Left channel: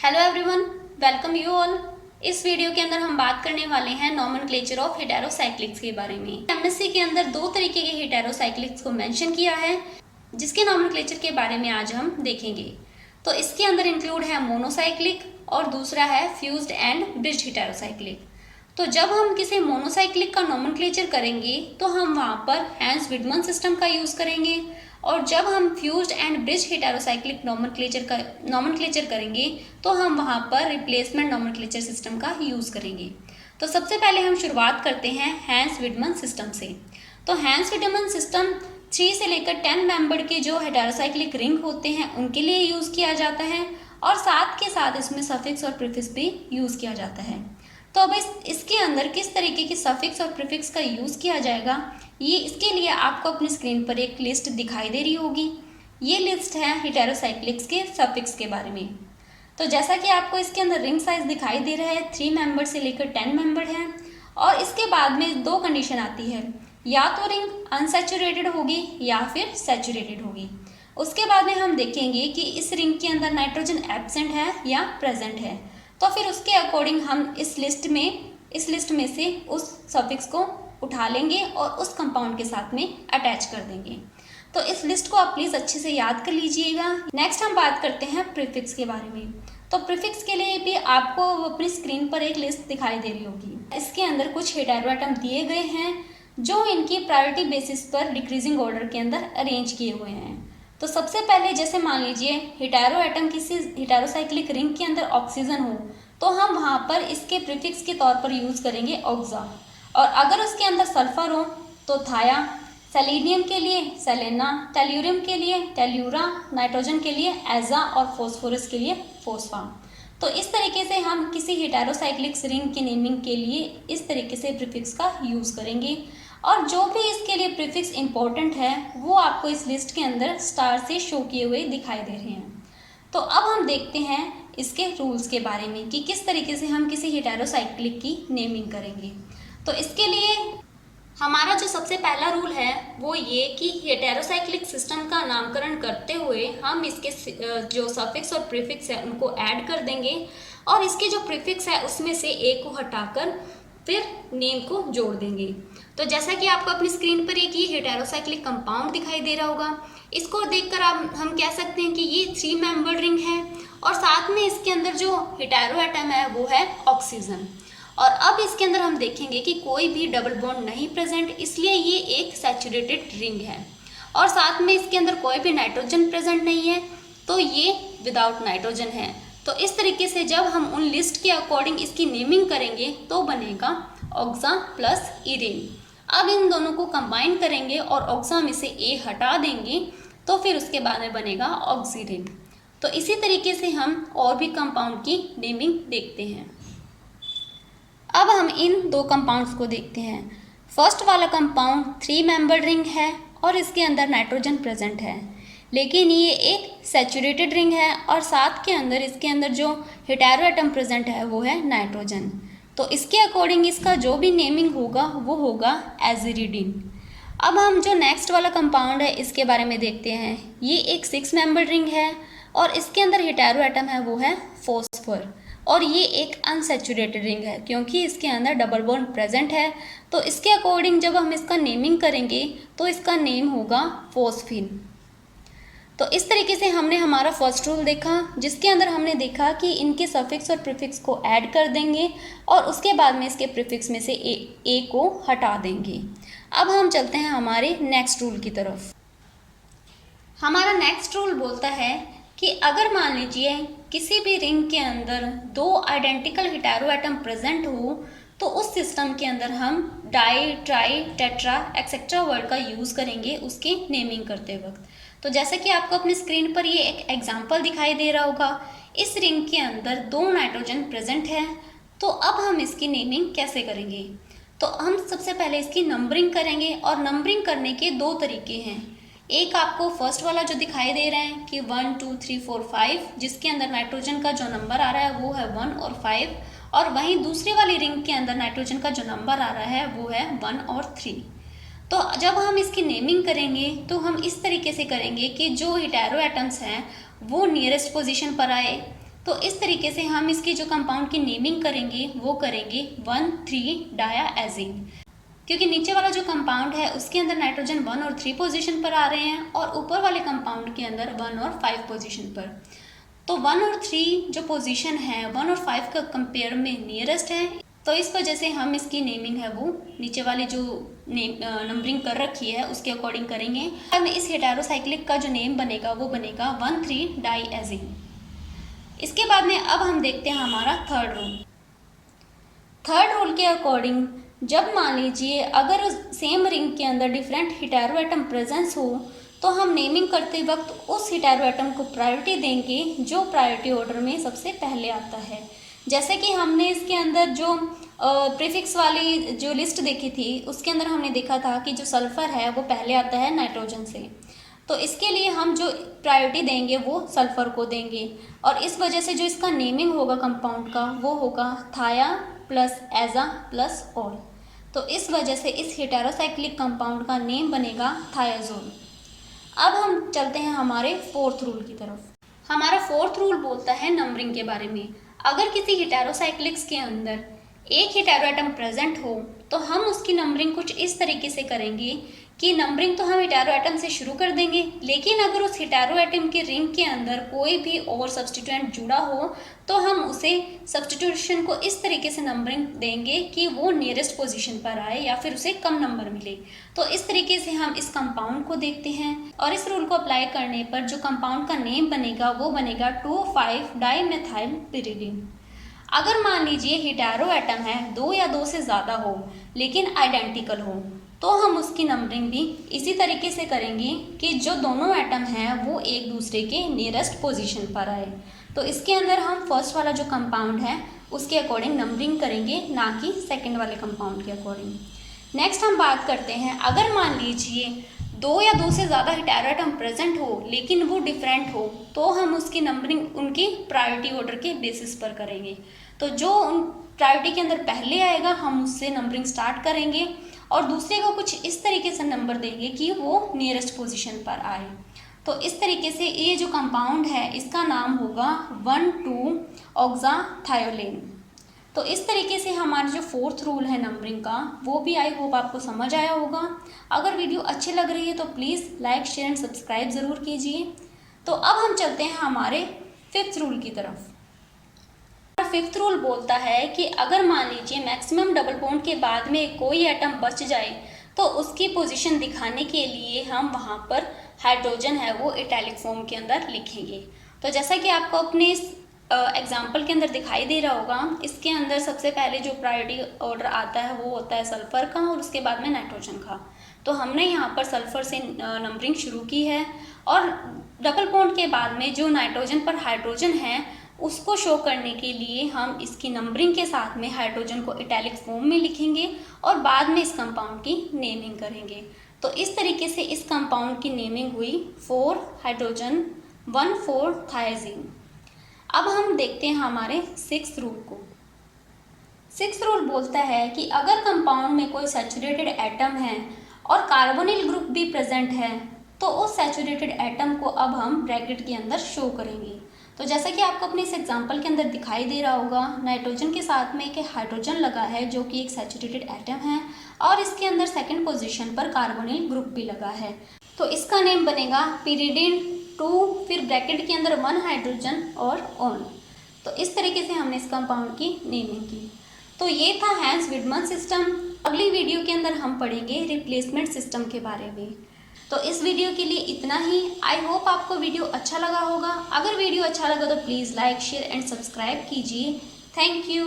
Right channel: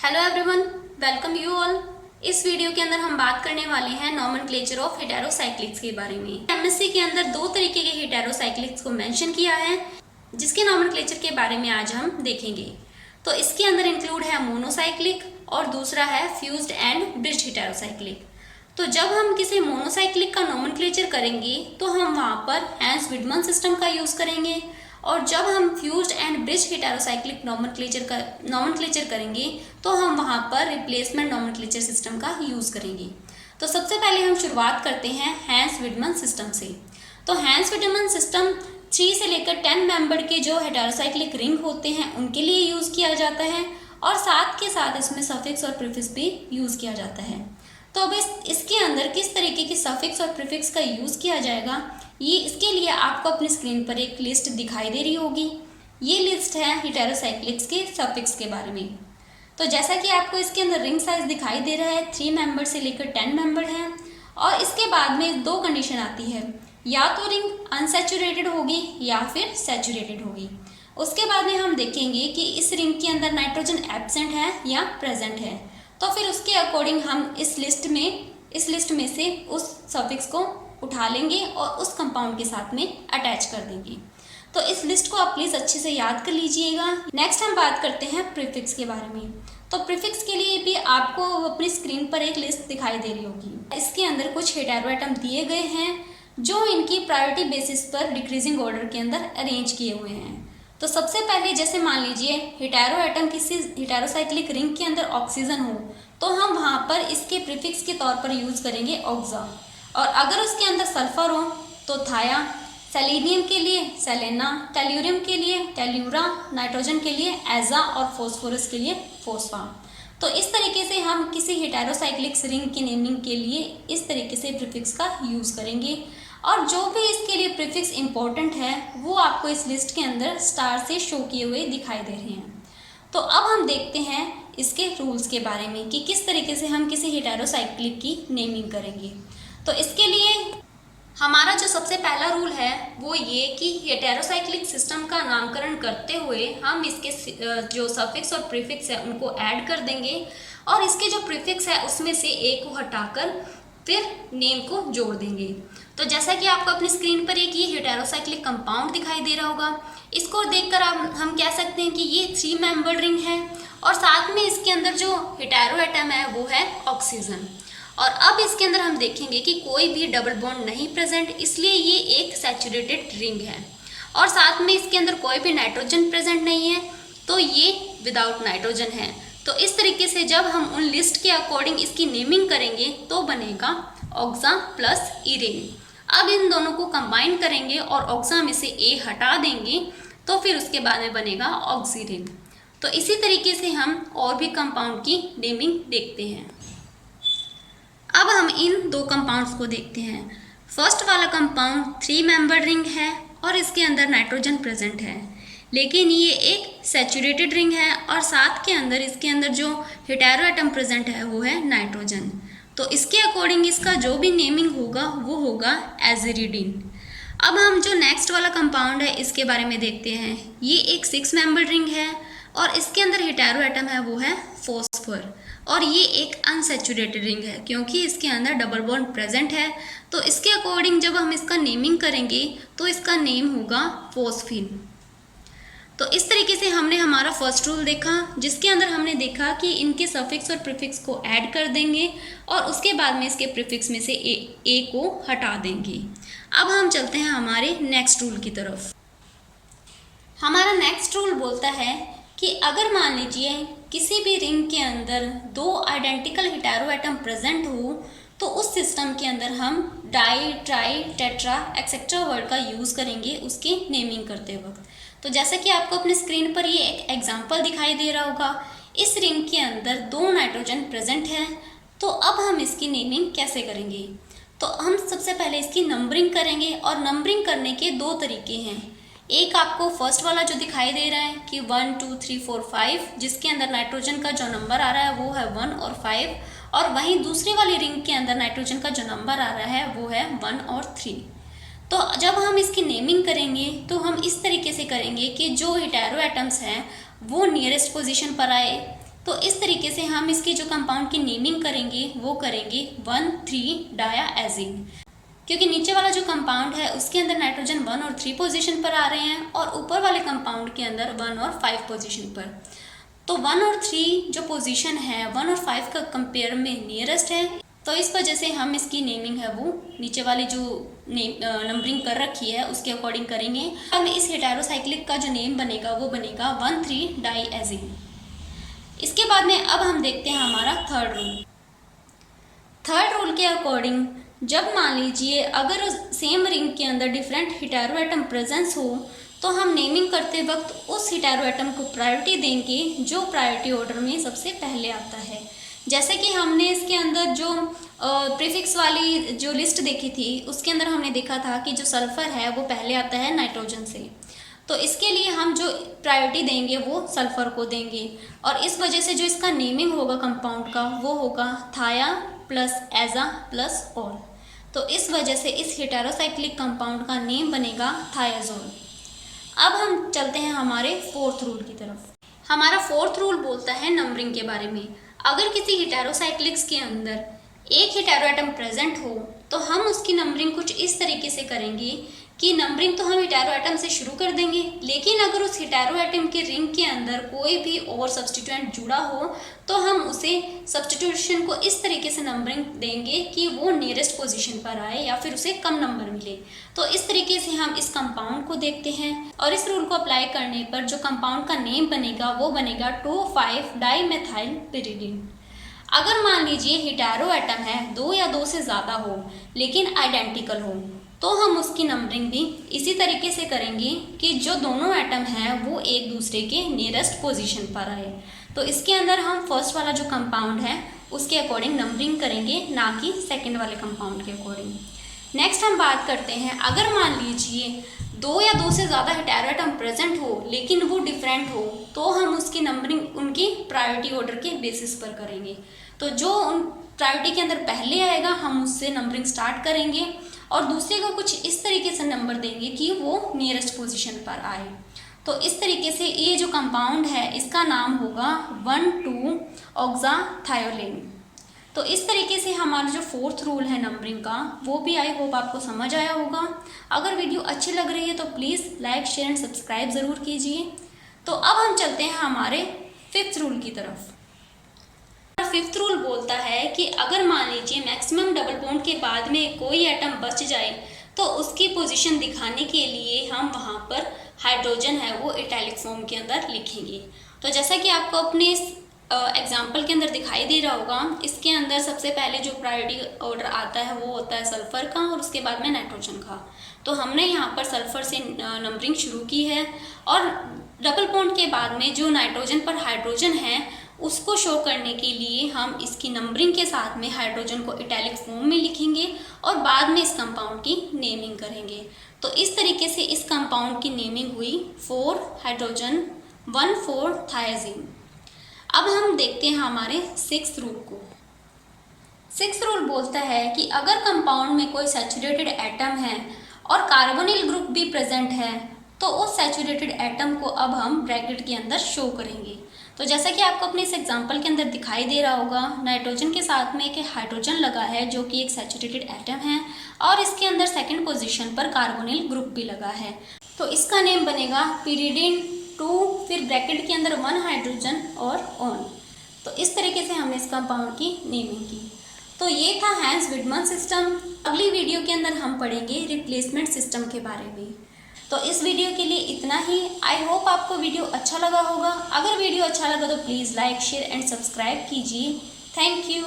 Hello everyone, welcome you all. इस video के अंदर हम बात करने वाले हैं नॉमेनक्लेचर ऑफ हेटेरोसाइक्लिक्स के बारे में। एमएससी के अंदर दो तरीके के हेटेरोसाइक्लिक्स को मेंशन किया है, जिसके नॉमेनक्लेचर के बारे में आज हम देखेंगे। तो इसके अंदर इंक्लूड है मोनोसाइक्लिक और दूसरा है फ्यूज्ड एंड ब्रिज्ड हेटेरोसाइक्लिक। तो जब हम किसी मोनोसाइक्लिक का नॉमेनक्लेचर करेंगे तो हम वहाँ पर हैंस विडमन सिस्टम का यूज़ करेंगे, और जब हम fused and bridge heterocyclic nomenclature करेंगे तो हम वहाँ पर रिप्लेसमेंट नॉमेनक्लेचर सिस्टम का यूज़ करेंगे। तो सबसे पहले हम शुरुआत करते हैं हैंस विडमन सिस्टम से। तो हैंस विडमन सिस्टम 3 से लेकर 10 मेंबर के जो हेटेरोसाइक्लिक रिंग होते हैं उनके लिए यूज़ किया जाता है, और साथ के साथ इसमें सफिक्स और प्रीफिक्स भी यूज़ किया जाता है। तो अब इसके अंदर किस तरीके के सफिक्स और प्रीफिक्स का यूज़ किया जाएगा, ये इसके लिए आपको अपनी स्क्रीन पर एक लिस्ट दिखाई दे रही होगी। ये लिस्ट है हेटेरोसाइक्लिक्स के सफिक्स के बारे में। तो जैसा कि आपको इसके अंदर रिंग साइज दिखाई दे रहा है, 3 मेंबर से लेकर 10 मेंबर है, और इसके बाद में 2 कंडीशन आती है, या तो रिंग अनसैचुरेटेड होगी या फिर सैचुरेटेड होगी। उसके बाद में हम देखेंगे कि इस रिंग के अंदर नाइट्रोजन एब्सेंट है या प्रेजेंट है। तो फिर उसके अकॉर्डिंग हम इस लिस्ट में से उस सफिक्स को उठा लेंगे और उस कंपाउंड के साथ में अटैच कर देंगे। तो इस लिस्ट को आप प्लीज़ अच्छे से याद कर लीजिएगा। नेक्स्ट हम बात करते हैं प्रीफिक्स के बारे में। तो प्रीफिक्स के लिए भी आपको अपनी स्क्रीन पर एक लिस्ट दिखाई दे रही होगी। इसके अंदर कुछ हेटेरो एटम दिए गए हैं जो इनकी प्रायोरिटी बेसिस पर डिक्रीजिंग ऑर्डर के अंदर अरेंज किए हुए हैं। तो सबसे पहले जैसे मान लीजिए हेटेरो एटम किसी हेटेरोसाइक्लिक रिंग के अंदर ऑक्सीजन हो, तो हम वहाँ पर इसके प्रीफिक्स के तौर पर यूज़ करेंगे ऑक्सा, और अगर उसके अंदर सल्फर हो तो थाया, सेलेनियम के लिए सेलेना, टेल्यूरियम के लिए टेल्यूरा, नाइट्रोजन के लिए एजा और फॉस्फोरस के लिए फॉस्फा। तो इस तरीके से हम किसी हेटेरोसाइक्लिक रिंग की नेमिंग के लिए इस तरीके से प्रीफिक्स का यूज़ करेंगे, और जो भी इसके लिए प्रीफिक्स इंपॉर्टेंट है वो आपको इस लिस्ट के अंदर स्टार से शो किए हुए दिखाई दे रहे हैं। तो अब हम देखते हैं इसके रूल्स के बारे में कि किस तरीके से हम किसी हेटेरोसाइक्लिक की नेमिंग करेंगे। तो इसके लिए हमारा जो सबसे पहला रूल है वो ये कि हेटेरोसाइक्लिक सिस्टम का नामकरण करते हुए हम इसके जो सफिक्स और प्रीफिक्स है उनको ऐड कर देंगे, और इसके जो प्रीफिक्स है उसमें से एक को हटाकर फिर नेम को जोड़ देंगे। तो जैसा कि आपको अपनी स्क्रीन पर एक ये हेटेरोसाइक्लिक कंपाउंड दिखाई दे रहा होगा, इसको देखकर हम कह सकते हैं कि ये 3 मेंबर रिंग है, और साथ में इसके अंदर जो हेटेरो एटम है वो है ऑक्सीजन। और अब इसके अंदर हम देखेंगे कि कोई भी डबल बॉन्ड नहीं प्रेजेंट, इसलिए ये एक सैचुरेटेड रिंग है, और साथ में इसके अंदर कोई भी नाइट्रोजन प्रेजेंट नहीं है, तो ये विदाउट नाइट्रोजन है। तो इस तरीके से जब हम उन लिस्ट के अकॉर्डिंग इसकी नेमिंग करेंगे तो बनेगा ऑक्सा प्लस इरेन। अब इन दोनों को कंबाइन करेंगे और ऑक्सा में से ए हटा देंगे, तो फिर उसके बाद में बनेगा ऑक्सीरेन। तो इसी तरीके से हम और भी कंपाउंड की नेमिंग देखते हैं। अब हम इन 2 कंपाउंड्स को देखते हैं। फर्स्ट वाला कंपाउंड 3 मेंबर रिंग है और इसके अंदर नाइट्रोजन प्रेजेंट है, लेकिन ये एक सैचुरेटेड रिंग है, और साथ के अंदर इसके अंदर जो हेटेरो एटम प्रेजेंट है वो है नाइट्रोजन। तो इसके अकॉर्डिंग इसका जो भी नेमिंग होगा वो होगा एजिरिडीन। अब हम जो नेक्स्ट वाला कंपाउंड है इसके बारे में देखते हैं। ये एक 6 मेंबर रिंग है और इसके अंदर हेटेरो एटम है वो है फॉस्फर, और ये एक अनसैचुरेटेड रिंग है क्योंकि इसके अंदर डबल बॉन्ड प्रेजेंट है। तो इसके अकॉर्डिंग जब हम इसका नेमिंग करेंगे तो इसका नेम होगा फॉस्फीन। तो इस तरीके से हमने हमारा फर्स्ट रूल देखा, जिसके अंदर हमने देखा कि इनके सफिक्स और प्रीफिक्स को ऐड कर देंगे और उसके बाद में इसके प्रीफिक्स में से ए को हटा देंगे। अब हम चलते हैं हमारे नेक्स्ट रूल की तरफ। हमारा नेक्स्ट रूल बोलता है कि अगर मान लीजिए किसी भी रिंग के अंदर 2 आइडेंटिकल हेटेरो एटम प्रेजेंट हो, तो उस सिस्टम के अंदर हम di, tri, tetra etcetera word का यूज़ करेंगे उसकी नेमिंग करते वक्त। तो जैसे कि आपको अपनी स्क्रीन पर ये एक एग्जांपल दिखाई दे रहा होगा, इस रिंग के अंदर 2 नाइट्रोजन प्रेजेंट है। तो अब हम इसकी नेमिंग कैसे करेंगे? तो हम सबसे पहले इसकी नंबरिंग करेंगे, और नंबरिंग करने के 2 तरीके हैं। एक आपको फर्स्ट वाला जो दिखाई दे रहा है कि 1 2 3 4 5, जिसके अंदर नाइट्रोजन का जो नंबर आ रहा है वो है 1 और 5, और वहीं दूसरी वाली रिंग के अंदर नाइट्रोजन का जो नंबर आ रहा है वो है 1 और 3। तो जब हम इसकी नेमिंग करेंगे तो हम इस तरीके से करेंगे कि जो हेटेरो एटम्स हैं वो नियरेस्ट पोजीशन पर आए, तो इस तरीके से हम इसकी जो कंपाउंड की नेमिंग करेंगे वो करेंगे 1,3-डायाजीन, क्योंकि नीचे वाला जो कंपाउंड है उसके अंदर नाइट्रोजन 1 और 3 पोजीशन पर आ रहे हैं और ऊपर वाले कंपाउंड के अंदर 1 और 5 पोजीशन पर। तो 1 और 3 जो पोजीशन है 1 और 5 का कंपेयर में नियरेस्ट है, तो इस वजह से हम इसकी नेमिंग है वो नीचे वाली जो नंबरिंग कर रखी है उसके अकॉर्डिंग करेंगे। अब इस हेटेरोसाइक्लिक का जो नेम बनेगा वो बनेगा 1,3-डाईएजीन। इसके बाद में अब हम देखते हैं हमारा थर्ड रूल। थर्ड रूल के अकॉर्डिंग जब मान लीजिए अगर सेम रिंग के अंदर डिफरेंट हेटेरो एटम प्रेजेंस हो तो हम नेमिंग करते वक्त उस हेटेरो एटम को प्रायोरिटी देंगे जो प्रायोरिटी ऑर्डर में सबसे पहले आता है। जैसे कि हमने इसके अंदर जो प्रीफिक्स वाली जो लिस्ट देखी थी उसके अंदर हमने देखा था कि जो सल्फ़र है वो पहले आता है नाइट्रोजन से, तो इसके लिए हम जो प्रायोरिटी देंगे वो सल्फ़र को देंगे और इस वजह से जो इसका नेमिंग होगा कंपाउंड का वो होगा थाया प्लस एजा प्लस ऑल। तो इस वजह से इस हेटेरोसाइक्लिक कंपाउंड का नेम बनेगा थायाजोल। अब हम चलते हैं हमारे फोर्थ रूल की तरफ। हमारा फोर्थ रूल बोलता है नंबरिंग के बारे में। अगर किसी हेटेरोसाइक्लिक्स के अंदर एक हेटेरो एटम प्रेजेंट हो तो हम उसकी नंबरिंग कुछ इस तरीके से करेंगे कि नंबरिंग तो हम हेटेरो एटम से शुरू कर देंगे, लेकिन अगर उस हेटेरो एटम के रिंग के अंदर कोई भी और सब्स्टिट्यूएंट जुड़ा हो तो हम उसे सब्स्टिट्यूशन को इस तरीके से नंबरिंग देंगे कि वो नियरेस्ट पोजीशन पर आए या फिर उसे कम नंबर मिले। तो इस तरीके से हम इस कंपाउंड को देखते हैं और इस रूल को अप्लाई करने पर जो कंपाउंड का नेम बनेगा वो बनेगा 2,5-डाईमेथाइल पिरिडीन। अगर मान लीजिए हेटेरो एटम है 2 या 2 से ज़्यादा हो लेकिन आइडेंटिकल हो तो हम उसकी नंबरिंग भी इसी तरीके से करेंगे कि जो दोनों एटम हैं वो एक दूसरे के नियरेस्ट पोजीशन पर आए। तो इसके अंदर हम फर्स्ट वाला जो कंपाउंड है उसके अकॉर्डिंग नंबरिंग करेंगे, ना कि सेकंड वाले कंपाउंड के अकॉर्डिंग। नेक्स्ट हम बात करते हैं, अगर मान लीजिए 2 या 2 से ज़्यादा हेटेरो एटम प्रेजेंट हो लेकिन वो डिफरेंट हो तो हम उसकी नंबरिंग उनकी प्रायोरिटी ऑर्डर के बेसिस पर करेंगे। तो जो उन प्रायोरिटी के अंदर पहले आएगा हम उससे नंबरिंग स्टार्ट करेंगे और दूसरे को कुछ इस तरीके से नंबर देंगे कि वो नियरेस्ट पोजीशन पर आए। तो इस तरीके से ये जो कंपाउंड है इसका नाम होगा 1,2-ऑक्साथायोलेन। तो इस तरीके से हमारा जो फोर्थ रूल है नंबरिंग का वो भी आई होप आपको समझ आया होगा। अगर वीडियो अच्छी लग रही है तो please like share and subscribe ज़रूर कीजिए। तो अब हम चलते हैं हमारे फिफ्थ रूल की तरफ। फिफ्थ रूल बोलता है कि अगर मान लीजिए मैक्सिमम डबल बॉन्ड के बाद में कोई एटम बच जाए तो उसकी पोजीशन दिखाने के लिए हम वहाँ पर हाइड्रोजन है वो इटैलिक फॉर्म के अंदर लिखेंगे। तो जैसा कि आपको अपने इस एग्जाम्पल के अंदर दिखाई दे रहा होगा, इसके अंदर सबसे पहले जो प्रायोरिटी ऑर्डर आता है वो होता है सल्फ़र का और उसके बाद में नाइट्रोजन का। तो हमने यहाँ पर सल्फ़र से नंबरिंग शुरू की है और डबल बॉन्ड के बाद में जो नाइट्रोजन पर हाइड्रोजन है उसको शो करने के लिए हम इसकी नंबरिंग के साथ में हाइड्रोजन को इटैलिक फॉर्म में लिखेंगे और बाद में इस कंपाउंड की नेमिंग करेंगे। तो इस तरीके से इस कंपाउंड की नेमिंग हुई 4 हाइड्रोजन 1,4-थायाजीन। अब हम देखते हैं हमारे सिक्स्थ रूल को। सिक्स्थ रूल बोलता है कि अगर कंपाउंड में कोई सैचुरेटेड एटम है और कार्बोनिल ग्रुप भी प्रेजेंट है तो उस सैचुरेटेड एटम को अब हम ब्रैकेट के अंदर शो करेंगे। तो जैसा कि आपको अपने इस एग्जांपल के अंदर दिखाई दे रहा होगा, नाइट्रोजन के साथ में एक हाइड्रोजन लगा है जो कि एक सैचुरेटेड एटम है और इसके अंदर सेकंड पोजीशन पर कार्बोनिल ग्रुप भी लगा है। तो इसका नेम बनेगा पिरिडीन 2, फिर ब्रैकेट के अंदर 1 हाइड्रोजन और ऑन। तो इस तरीके से हमने इस कंपाउंड की नेमिंग की। तो ये था हैंस विडमन सिस्टम। अगली वीडियो के अंदर हम पढ़ेंगे रिप्लेसमेंट सिस्टम के बारे में। तो इस वीडियो के लिए इतना ही। आई होप आपको वीडियो अच्छा लगा होगा। अगर वीडियो अच्छा लगा तो please like share and subscribe कीजिए। Thank you.